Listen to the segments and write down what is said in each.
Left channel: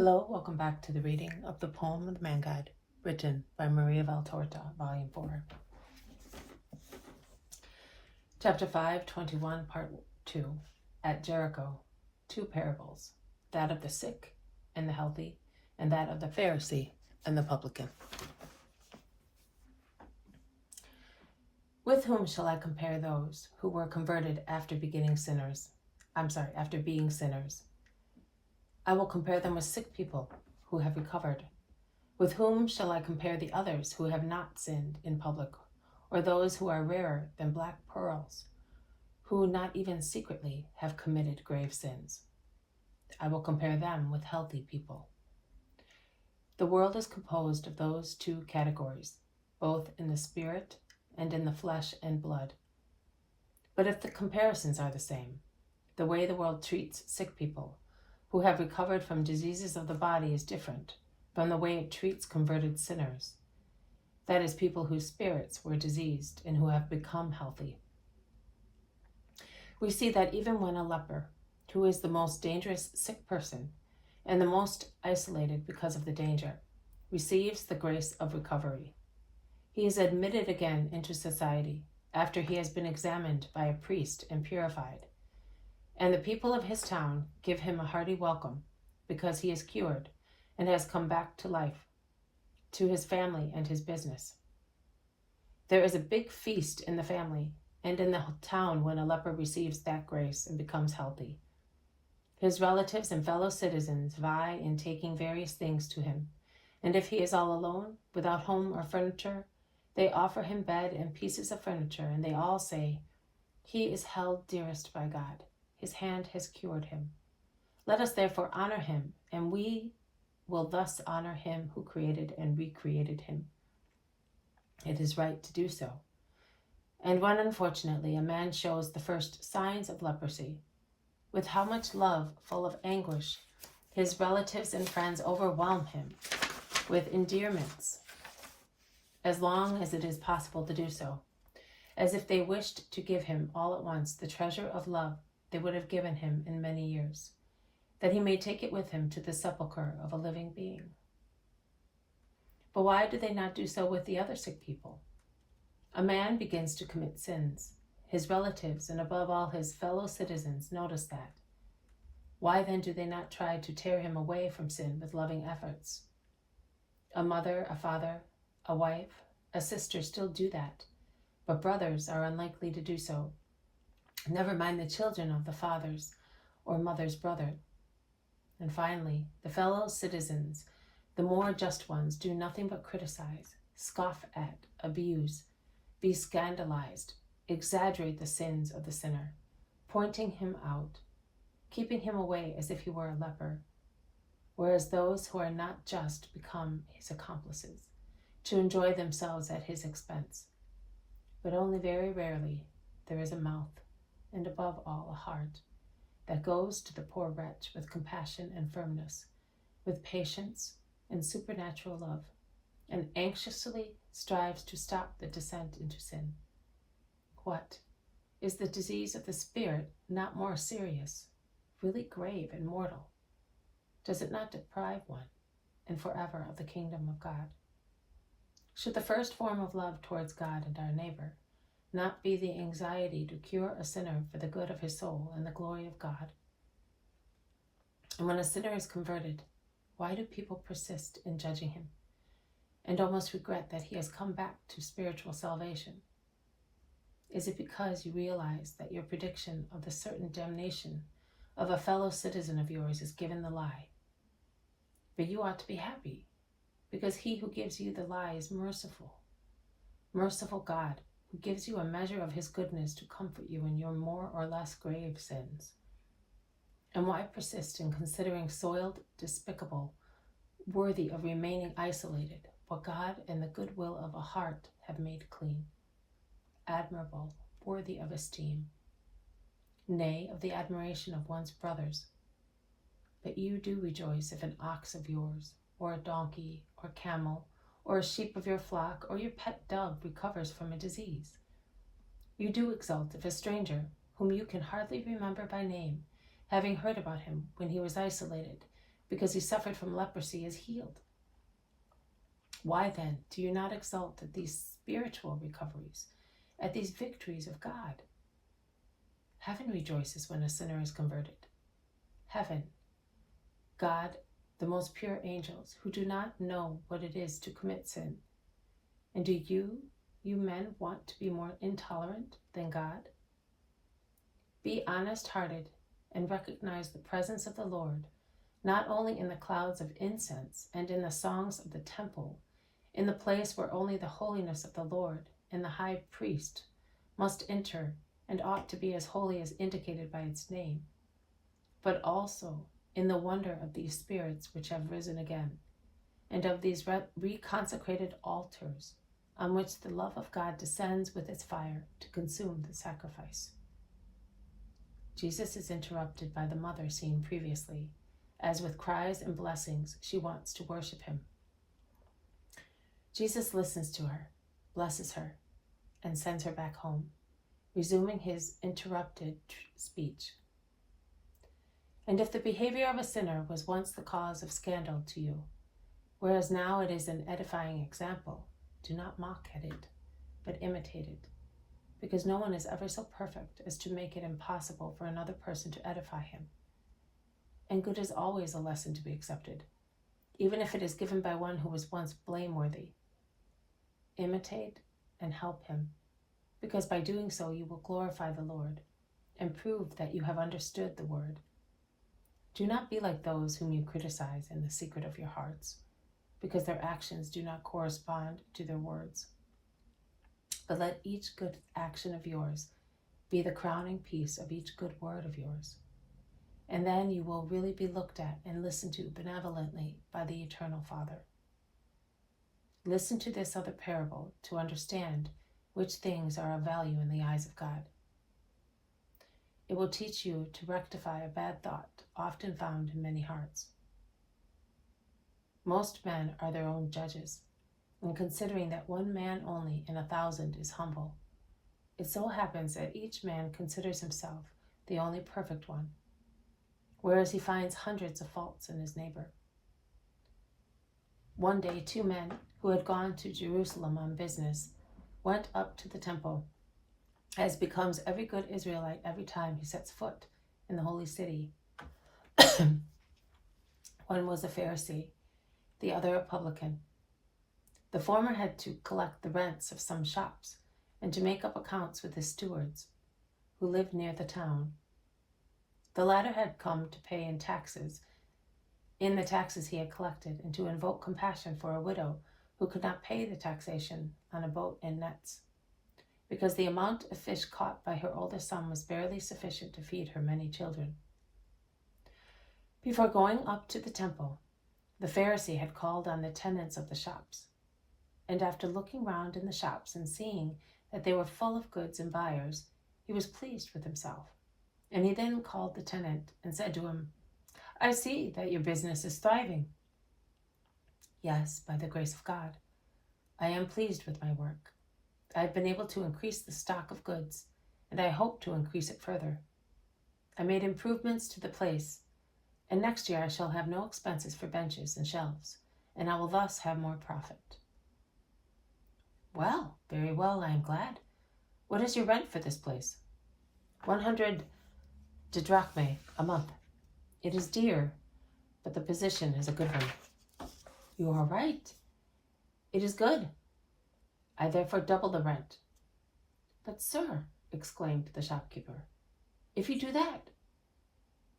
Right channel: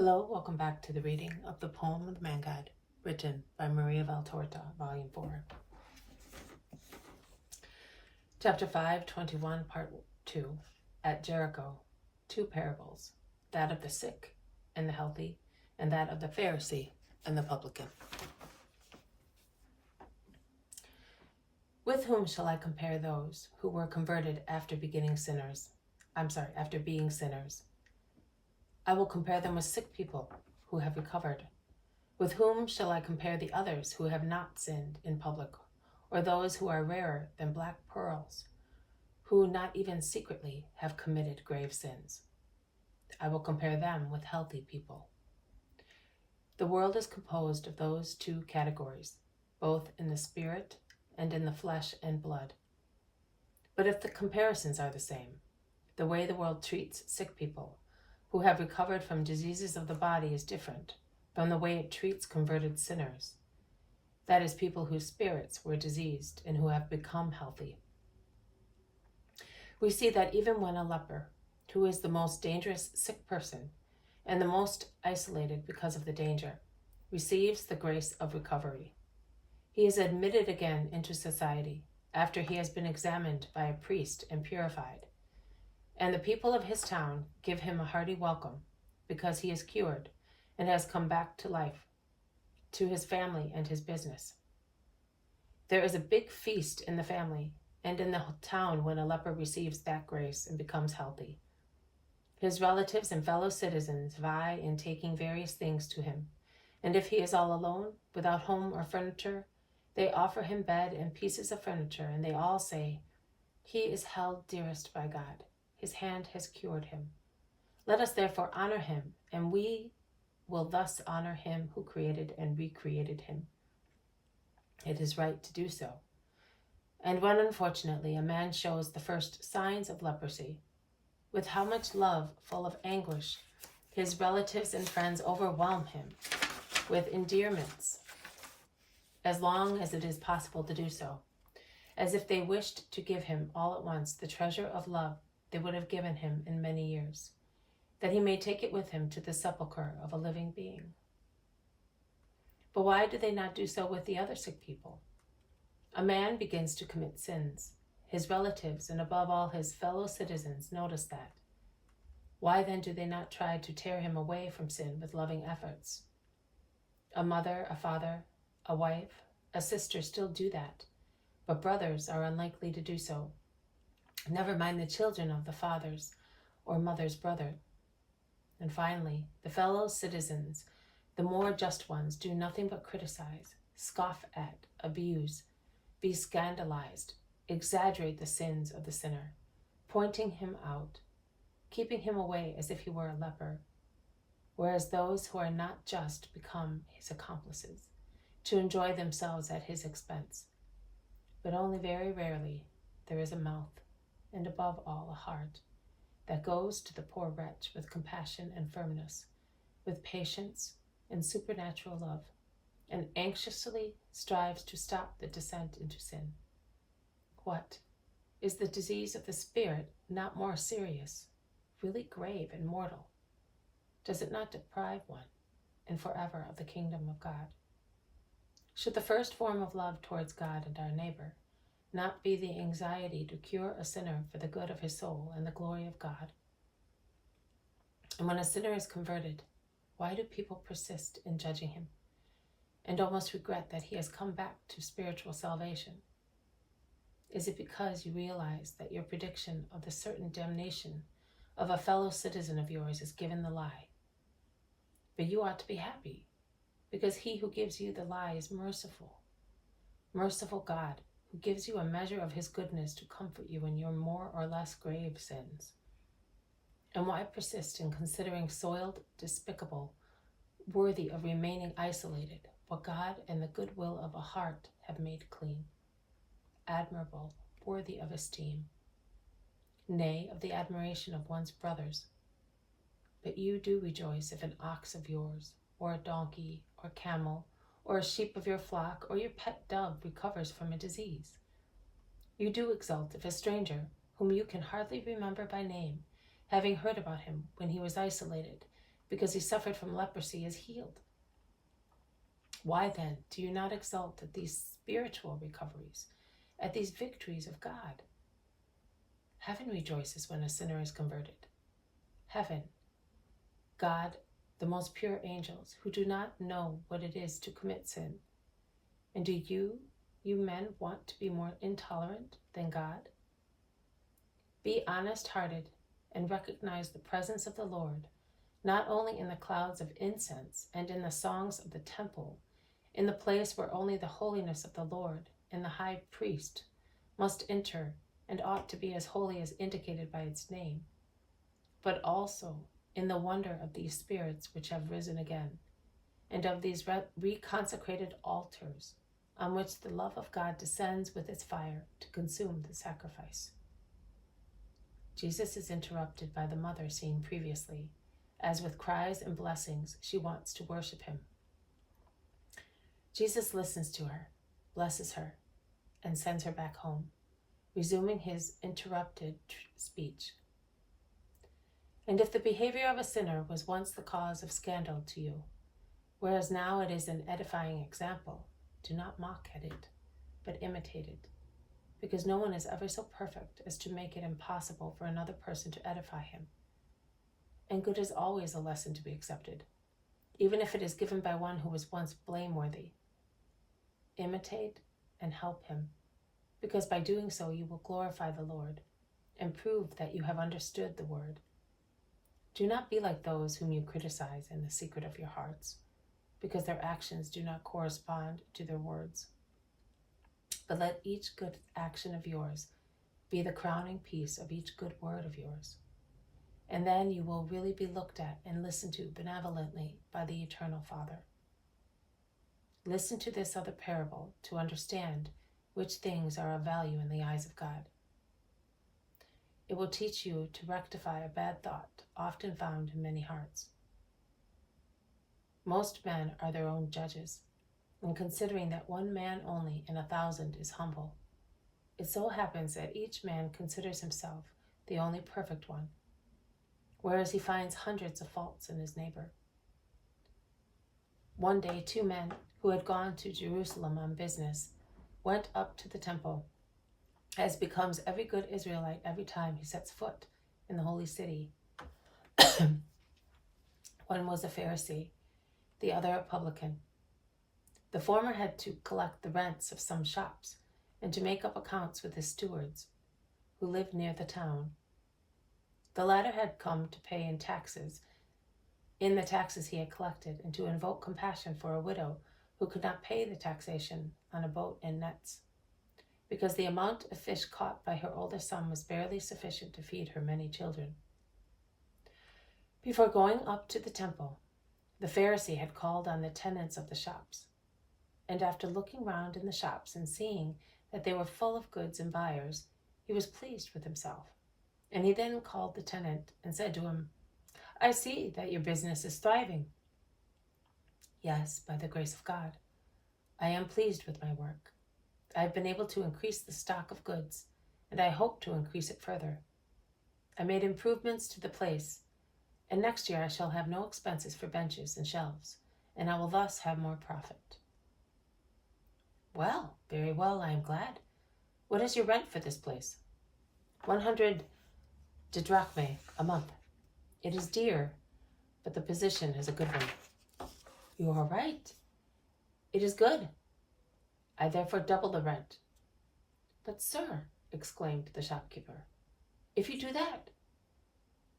Hello, welcome back to the reading of the poem The Man God, written by Maria Valtorta, Volume 4. Chapter 521, Part 2, At Jericho, 2 parables, that of the sick and the healthy, and that of the Pharisee and the Publican. With whom shall I compare those who were converted after being sinners? I will compare them with sick people who have recovered. With whom shall I compare the others who have not sinned in public, or those who are rarer than black pearls, who not even secretly have committed grave sins? I will compare them with healthy people. The world is composed of those 2 categories, both in the spirit and in the flesh and blood. But if the comparisons are the same, the way the world treats sick people who have recovered from diseases of the body is different from the way it treats converted sinners, that is, people whose spirits were diseased and who have become healthy. We see that even when a leper, who is the most dangerous sick person and the most isolated because of the danger, receives the grace of recovery, he is admitted again into society after he has been examined by a priest and purified, and the people of his town give him a hearty welcome because he is cured and has come back to life, to his family and his business. There is a big feast in the family and in the town when a leper receives that grace and becomes healthy. His relatives and fellow citizens vie in taking various things to him, and if he is all alone, without home or furniture, they offer him bed and pieces of furniture, and they all say, "He is held dearest by God. His hand has cured him. Let us therefore honor him, and we will thus honor him who created and recreated him." It is right to do so. And when unfortunately a man shows the first signs of leprosy, with how much love full of anguish his relatives and friends overwhelm him with endearments, as long as it is possible to do so, as if they wished to give him all at once the treasure of love they would have given him in many years, that he may take it with him to the sepulchre of a living being. But why do they not do so with the other sick people? A man begins to commit sins. His relatives, and above all his fellow citizens, notice that. Why then do they not try to tear him away from sin with loving efforts? A mother, a father, a wife, a sister still do that, but brothers are unlikely to do so. Never mind the children of the father's or mother's brother. And finally, the fellow citizens, the more just ones, do nothing but criticize, scoff at, abuse, be scandalized, exaggerate the sins of the sinner, pointing him out, keeping him away as if he were a leper, whereas those who are not just become his accomplices, to enjoy themselves at his expense. But only very rarely there is a mouth, and above all a heart, that goes to the poor wretch with compassion and firmness, with patience and supernatural love, and anxiously strives to stop the descent into sin. What? Is the disease of the spirit not more serious, really grave and mortal? Does it not deprive one, and forever, of the kingdom of God? Should the first form of love towards God and our neighbor not be the anxiety to cure a sinner for the good of his soul and the glory of God? And when a sinner is converted, why do people persist in judging him and almost regret that he has come back to spiritual salvation? Is it because you realize that your prediction of the certain damnation of a fellow citizen of yours is given the lie? But you ought to be happy, because he who gives you the lie is merciful. Merciful God, who gives you a measure of his goodness to comfort you in your more or less grave sins. And why persist in considering soiled, despicable, worthy of remaining isolated, what God and the goodwill of a heart have made clean, admirable, worthy of esteem, nay, of the admiration of one's brothers? But you do rejoice if an ox of yours, or a donkey, or camel, or a sheep of your flock, or your pet dove recovers from a disease. You do exult if a stranger, whom you can hardly remember by name, having heard about him when he was isolated, because he suffered from leprosy, is healed. Why then do you not exult at these spiritual recoveries, at these victories of God? Heaven rejoices when a sinner is converted. Heaven, God, the most pure angels, who do not know what it is to commit sin. And do you men, want to be more intolerant than God? Be honest-hearted and recognize the presence of the Lord, not only in the clouds of incense and in the songs of the temple, in the place where only the holiness of the Lord and the high priest must enter and ought to be as holy as indicated by its name, but also in the wonder of these spirits which have risen again, and of these reconsecrated altars on which the love of God descends with its fire to consume the sacrifice. Jesus is interrupted by the mother seen previously, as with cries and blessings she wants to worship him. Jesus listens to her, blesses her, and sends her back home, resuming his interrupted speech. And if the behavior of a sinner was once the cause of scandal to you, whereas now it is an edifying example, do not mock at it, but imitate it, because no one is ever so perfect as to make it impossible for another person to edify him. And good is always a lesson to be accepted, even if it is given by one who was once blameworthy. Imitate and help him, because by doing so you will glorify the Lord and prove that you have understood the word. Do not be like those whom you criticize in the secret of your hearts, because their actions do not correspond to their words. But let each good action of yours be the crowning piece of each good word of yours. And then you will really be looked at and listened to benevolently by the Eternal Father. Listen to this other parable to understand which things are of value in the eyes of God. It will teach you to rectify a bad thought often found in many hearts. Most men are their own judges, and considering that one man only in 1,000 is humble, it so happens that each man considers himself the only perfect one, whereas he finds hundreds of faults in his neighbor. One day, 2 men who had gone to Jerusalem on business went up to the temple, as becomes every good Israelite every time he sets foot in the holy city. One was a Pharisee, the other a Publican. The former had to collect the rents of some shops and to make up accounts with his stewards, who lived near the town. The latter had come to pay in the taxes he had collected, and to invoke compassion for a widow who could not pay the taxation on a boat and nets, because the amount of fish caught by her older son was barely sufficient to feed her many children. Before going up to the temple, the Pharisee had called on the tenants of the shops, and after looking round in the shops and seeing that they were full of goods and buyers, he was pleased with himself. And he then called the tenant and said to him, "I see that your business is thriving." "Yes, by the grace of God. I am pleased with my work. I have been able to increase the stock of goods, and I hope to increase it further. I made improvements to the place, and next year I shall have no expenses for benches and shelves, and I will thus have more profit." "Well, very well, I am glad. What is your rent for this place?" 100 didrachmae a month. "It is dear, but the position is a good one." "You are right. It is good. I therefore double the rent." "But, sir," exclaimed the shopkeeper, "if you do that,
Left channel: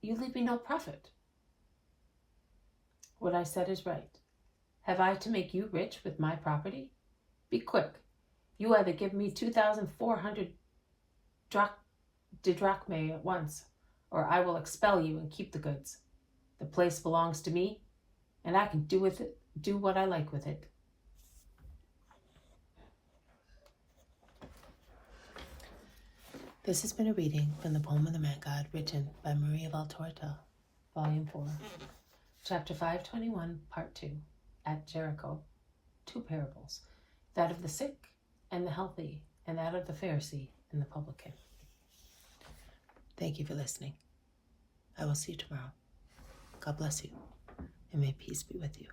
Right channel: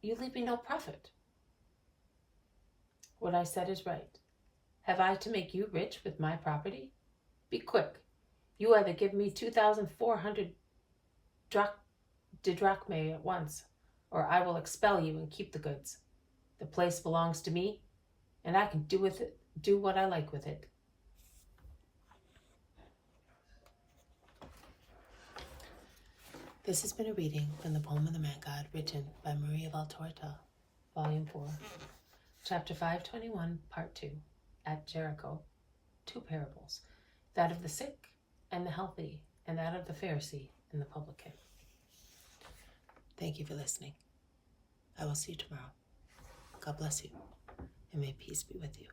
you leave me no profit." "What I said is right. Have I to make you rich with my property? Be quick. You either give me 2,400 didrachmae at once, or I will expel you and keep the goods. The place belongs to me, and I can do what I like with it." This has been a reading from the poem of the Man God, written by Maria Vol4-Ch521Pt2-Parables, Volume 4, Chapter 521, Part 2, At Jericho, 2 parables, that of the sick and the healthy, and that of the Pharisee and the Publican. Thank you for listening. I will see you tomorrow. God bless you. and may peace be with you.